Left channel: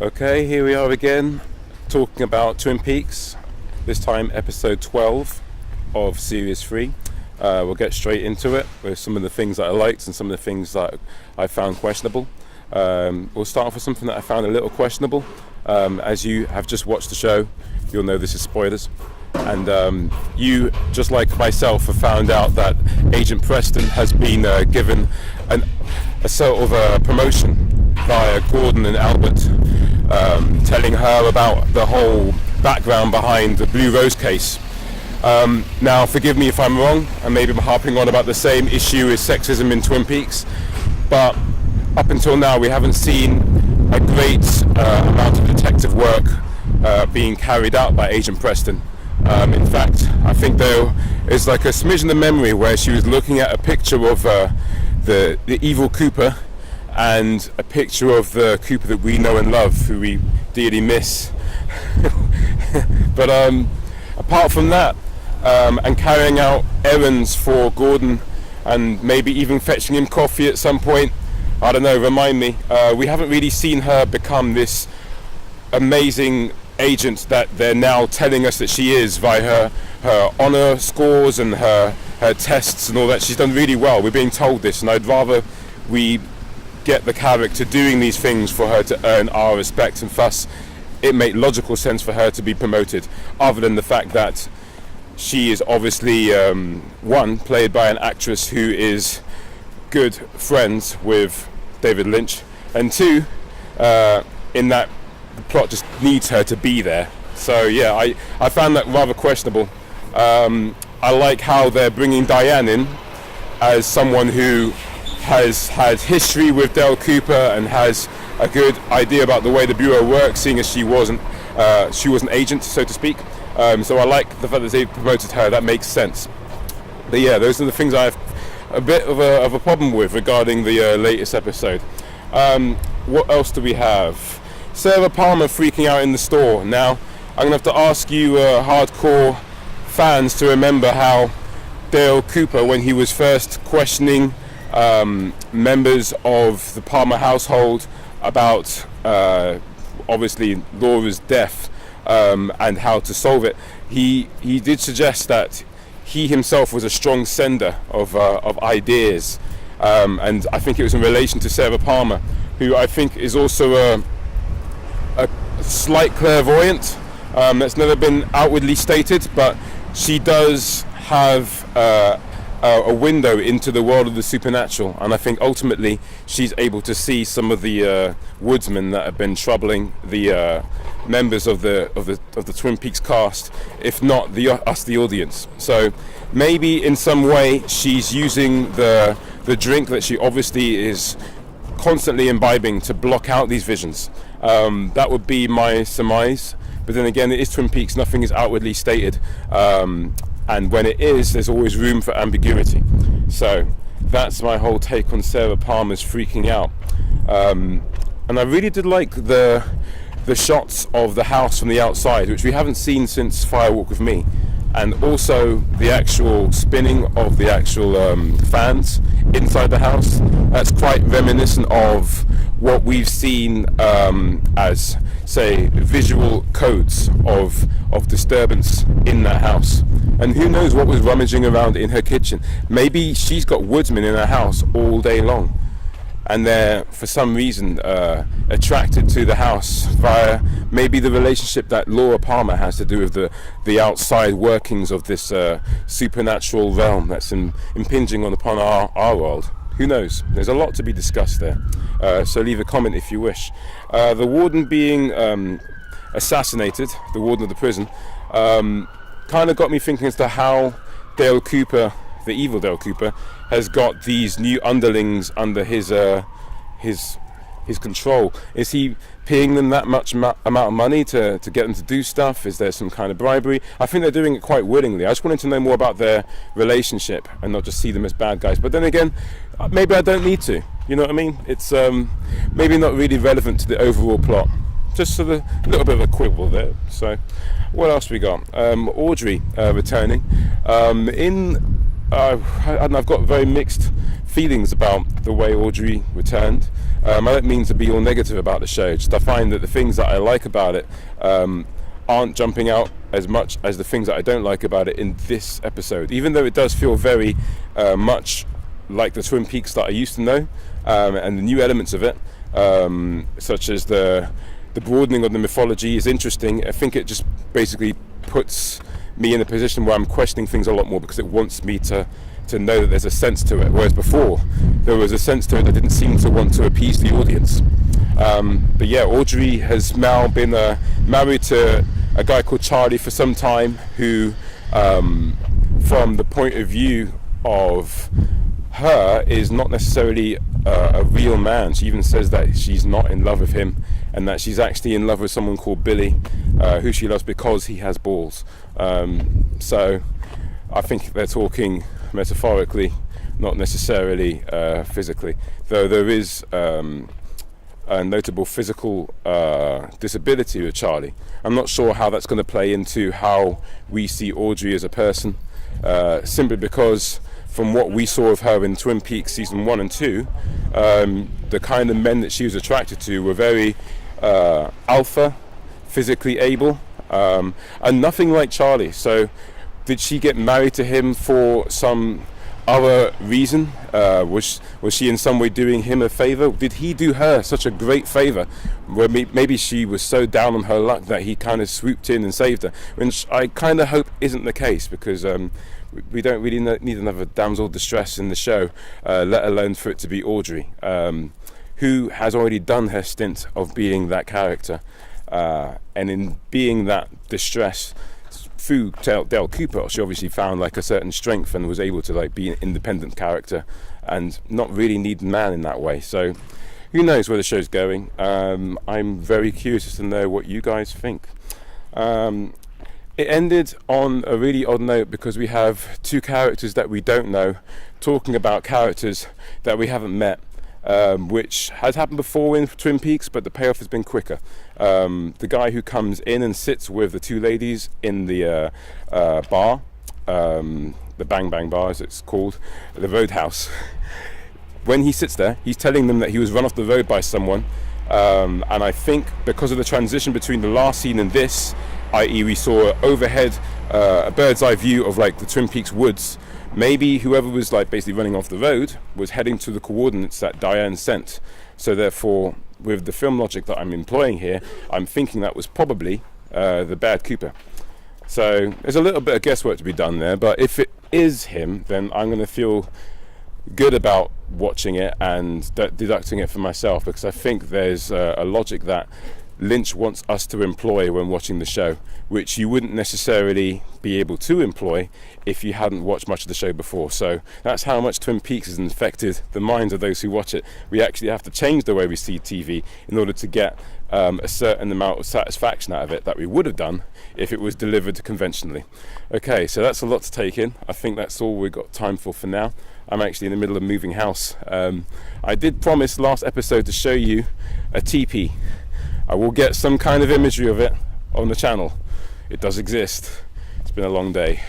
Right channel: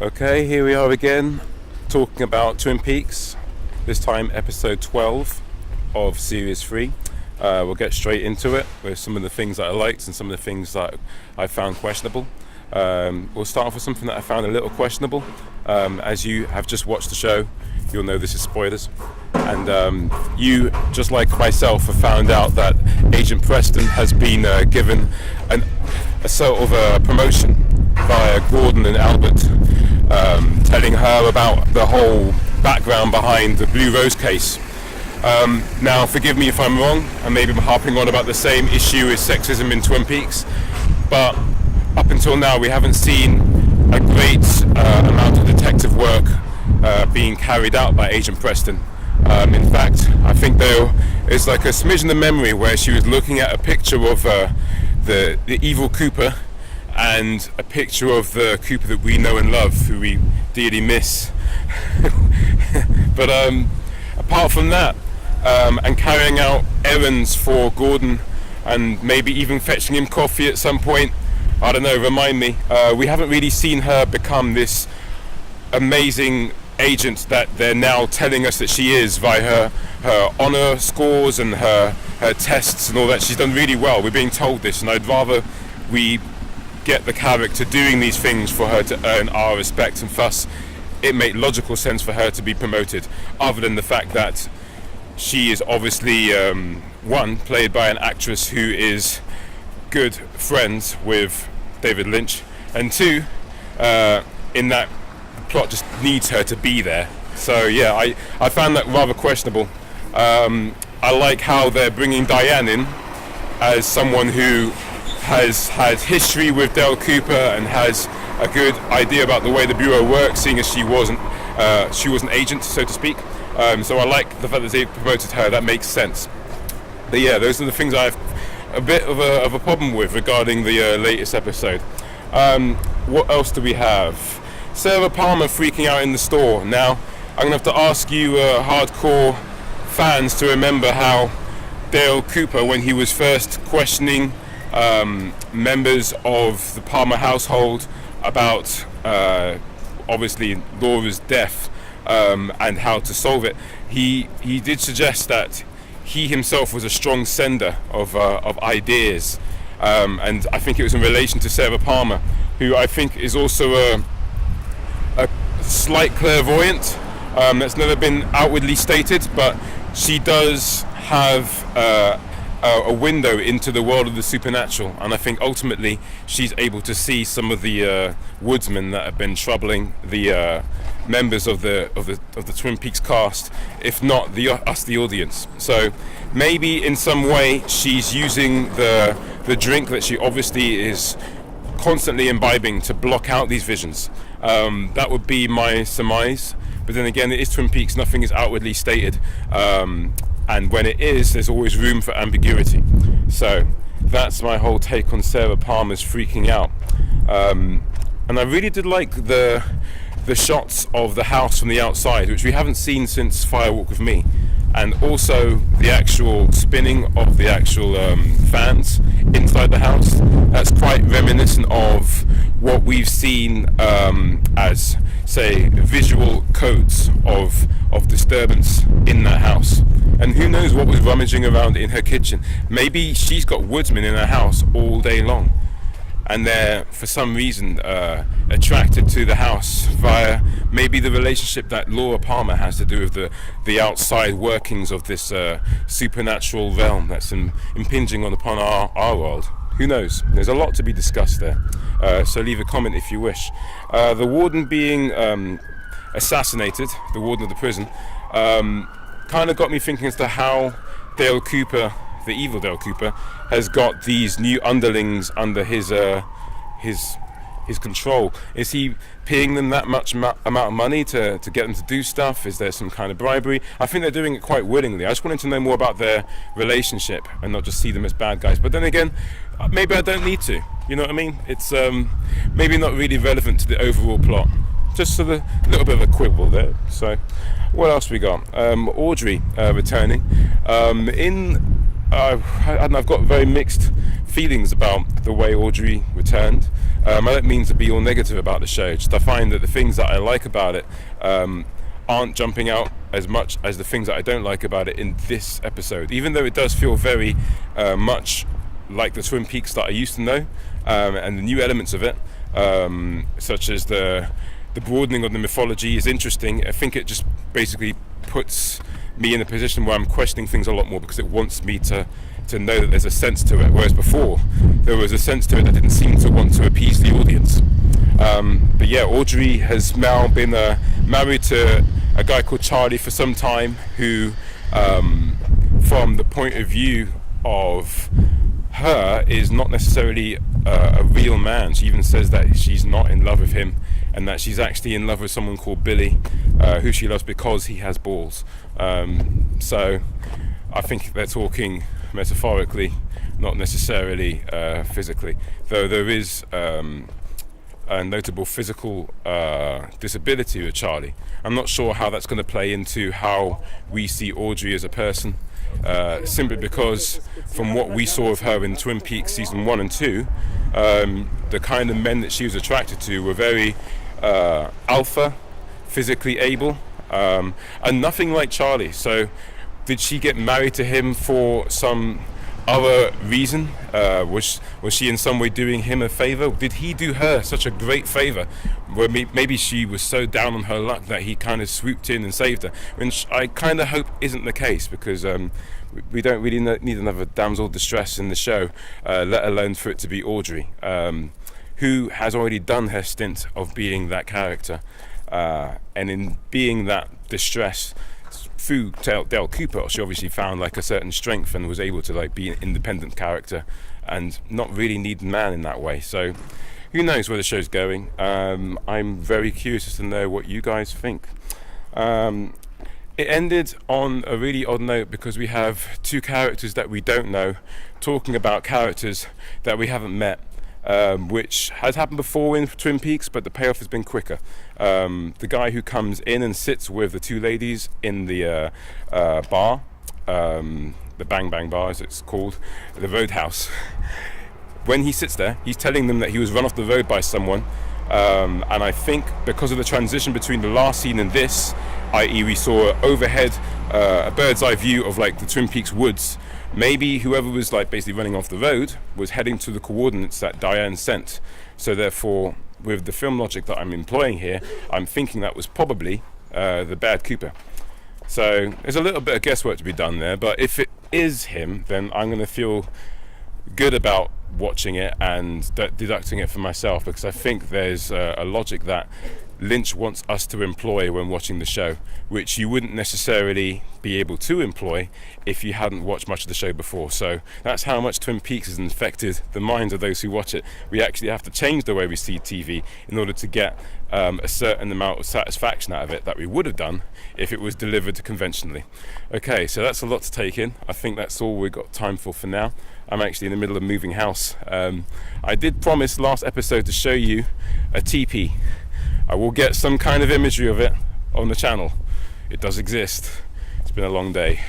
Okay, here we are again, talking about Twin Peaks, this time episode 12 of Series 3. We'll get straight into it with some of the things that I liked and some of the things that I found questionable. We'll start off with something that I found a little questionable. As you have just watched the show, you'll know this is spoilers. And you, just like myself, have found out that Agent Preston has been given a sort of a promotion via Gordon and Albert, telling her about the whole background behind the Blue Rose case. Now, forgive me if I'm wrong, and maybe I'm harping on about the same issue as sexism in Twin Peaks, but up until now we haven't seen a great amount of detective work being carried out by Agent Preston. In fact, I think there is like a smidgen of memory where she was looking at a picture of the evil Cooper and a picture of the Cooper that we know and love, who we dearly miss. But apart from that, and carrying out errands for Gordon and maybe even fetching him coffee at some point, I don't know, remind me, we haven't really seen her become this amazing agent that they're now telling us that she is via her honor scores and her tests and all that. She's done really well. We're being told this, and I'd rather we get the character doing these things for her to earn our respect, and thus it made logical sense for her to be promoted, other than the fact that she is obviously one, played by an actress who is good friends with David Lynch, and two, in that the plot just needs her to be there. So yeah, I found that rather questionable. I like how they're bringing Diane in as someone who has had history with Dale Cooper and has a good idea about the way the Bureau works, seeing as she was an agent, so to speak. So I like the fact that they promoted her. That makes sense. But yeah, those are the things I have a bit of a problem with regarding the latest episode. What else do we have? Sarah Palmer freaking out in the store. Now, I'm going to have to ask you hardcore fans to remember how Dale Cooper, when he was first questioning members of the Palmer household about obviously Laura's death and how to solve it, he did suggest that he himself was a strong sender of ideas, and I think it was in relation to Sarah Palmer, who I think is also a slight clairvoyant. That's never been outwardly stated, but she does have a window into the world of the supernatural, and I think ultimately she's able to see some of the woodsmen that have been troubling the members of the Twin Peaks cast, if not us, the audience. So maybe in some way she's using the drink that she obviously is constantly imbibing to block out these visions. That would be my surmise, but then again, it is Twin Peaks, nothing is outwardly stated, and when it is, there's always room for ambiguity. So that's my whole take on Sarah Palmer's freaking out. And I really did like the shots of the house from the outside, which we haven't seen since Fire Walk with Me, and also the actual spinning of the actual fans inside the house. That's quite reminiscent of what we've seen as, say, visual codes of disturbance in that house. And who knows what was rummaging around in her kitchen. Maybe she's got woodsmen in her house all day long, and they're for some reason attracted to the house via maybe the relationship that Laura Palmer has to do with the outside workings of this supernatural realm that's impinging upon our world. Who knows? There's a lot to be discussed there. So leave a comment if you wish. The warden being assassinated, the warden of the prison, kind of got me thinking as to how Dale Cooper, the evil Dale Cooper, has got these new underlings under his control. Is he paying them that much amount of money to get them to do stuff? Is there some kind of bribery? I think they're doing it quite willingly. I just wanted to know more about their relationship and not just see them as bad guys. But then again, maybe I don't need to. You know what I mean? It's maybe not really relevant to the overall plot. Just sort of a little bit of a quibble there. So what else we got? Audrey returning. I've got very mixed feelings about the way Audrey returned. I don't mean to be all negative about the show, just I find that the things that I like about it aren't jumping out as much as the things that I don't like about it in this episode, even though it does feel very much like the Twin Peaks that I used to know, and the new elements of it, such as the broadening of the mythology is interesting. I think it just basically puts me in a position where I'm questioning things a lot more because it wants me to know that there's a sense to it, whereas before there was a sense to it that didn't seem to want to appease the audience. But yeah, Audrey has now been married to a guy called Charlie for some time, who from the point of view of her is not necessarily a real man. She even says that she's not in love with him, and that she's actually in love with someone called Billy, who she loves because he has balls. So I think they're talking metaphorically, not necessarily physically, though there is a notable physical disability with Charlie. I'm not sure how that's going to play into how we see Audrey as a person, simply because from what we saw of her in Twin Peaks season 1 and 2, the kind of men that she was attracted to were very alpha, physically able, and nothing like Charlie. So did she get married to him for some other reason? Was she in some way doing him a favor? Did he do her such a great favor where maybe she was so down on her luck that he kind of swooped in and saved her, which I kind of hope isn't the case, because we don't really need another damsel of distress in the show, let alone for it to be Audrey, who has already done her stint of being that character, and in being that distress through Dale Cooper, she obviously found like a certain strength and was able to like be an independent character and not really need a man in that way. So who knows where the show's going. I'm very curious to know what you guys think. It ended on a really odd note because we have two characters that we don't know talking about characters that we haven't met, which has happened before in Twin Peaks, but the payoff has been quicker. The guy who comes in and sits with the two ladies in the bar, the Bang Bang Bar as it's called, the Roadhouse, when he sits there, he's telling them that he was run off the road by someone, and I think because of the transition between the last scene and this, i.e. we saw overhead a bird's eye view of like the Twin Peaks woods, maybe whoever was like basically running off the road was heading to the coordinates that Diane sent. So therefore, with the film logic that I'm employing here, I'm thinking that was probably the bad Cooper. So there's a little bit of guesswork to be done there, but if it is him, then I'm going to feel good about watching it and deducting it for myself, because I think there's a logic that Lynch wants us to employ when watching the show, which you wouldn't necessarily be able to employ if you hadn't watched much of the show before. So that's how much Twin Peaks has infected the minds of those who watch it. We actually have to change the way we see TV in order to get a certain amount of satisfaction out of it that we would have done if it was delivered conventionally. Okay, so that's a lot to take in. I think that's all we've got time for now. I'm actually in the middle of moving house. I did promise last episode to show you a teepee. I will get some kind of imagery of it on the channel. It does exist. It's been a long day.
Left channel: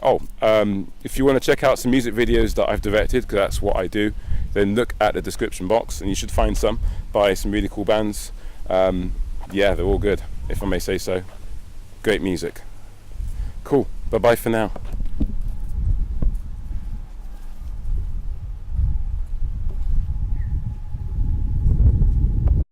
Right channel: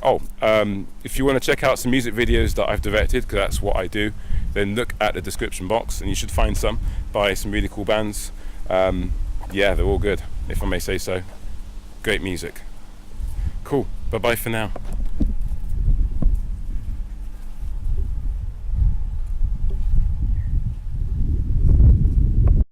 If you want to check out some music videos that I've directed, because that's what I do, then look at the description box and you should find some by some really cool bands. Yeah, they're all good, if I may say so. Great music. Cool. Bye-bye for now.